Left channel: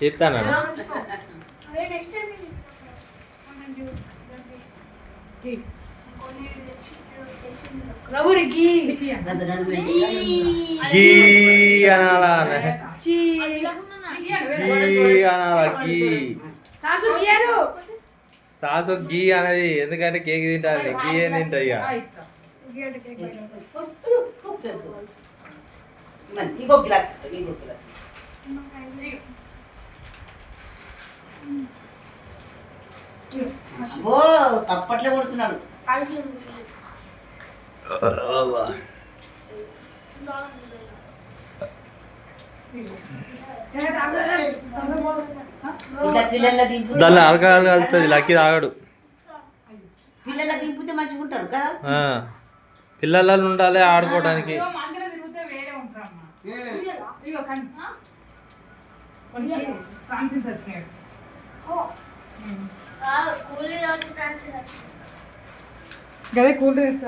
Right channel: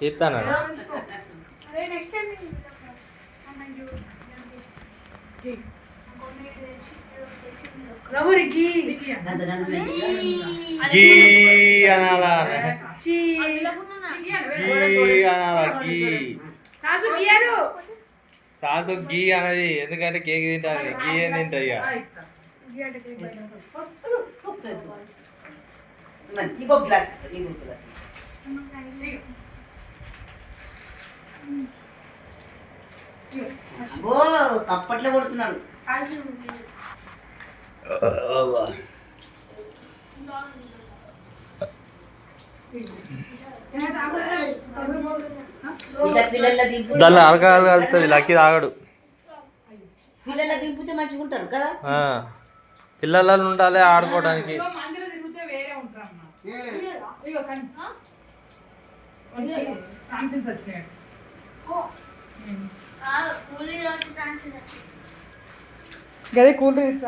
తీస్తాను గీ అనాలా గీ అనాలా గీ సాసు గీ అనేది ఎందుకంటే కేక్ తింటారు గీ ఏం తింటాయి తప్పట్లే కొడుతున్నాడు దాన్ని అలకాలు కలుగుతుంది లక్కీ తాగడు పిల్లల దింపితే మంచిగా ఉంటారు కదా పిల్లలలో ఉండాలి ఆడుకోవడానికి గదే కూల్ డ్రింక్స్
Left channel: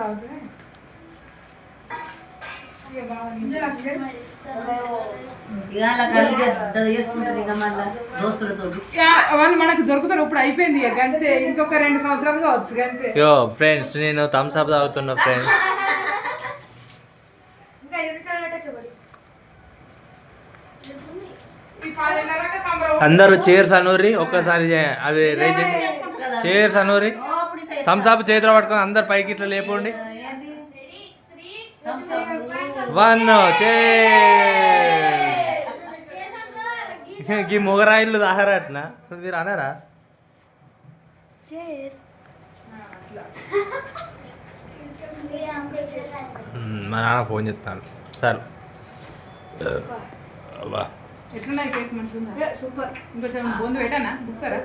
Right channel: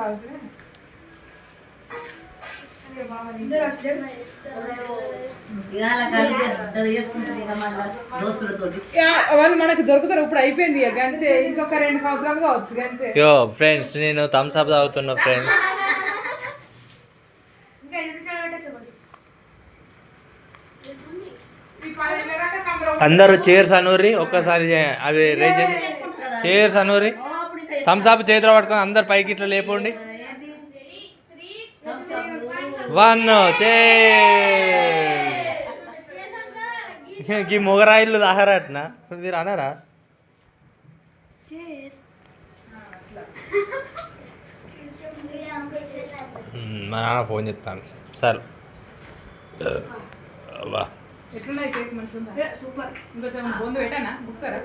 వాళ్ళు మనకు దొరుకుతారు ఇప్పుడు అయిపోయింది గంతే ఇంకొక 2 సంవత్సరాలు కావచ్చు గంతే యో ఫ్రెండ్స్ నేను థమ్స్ అప్ తాగుతున్నా ఫ్రెండ్స్ అందరూ చేర్స్ అనూరి ఒక్కసారి అవి రేజ్ చేర్స్ అనూరి థమ్స్ అప్ చేతిలో పట్టుకొని అందరు పైకి ఇట్లా లేపండి 1 చేర్స్ మొగరాయిలు తాగరాటనా మీరు అన్నారా మా నాన్న ఫోన్ చెప్తాను సార్ ఎట్లున్నాయి కేక్ మంచిగా ఉందా సూపర్ ఇంకొంచెం బొందు పెట్టానా బుక్తారా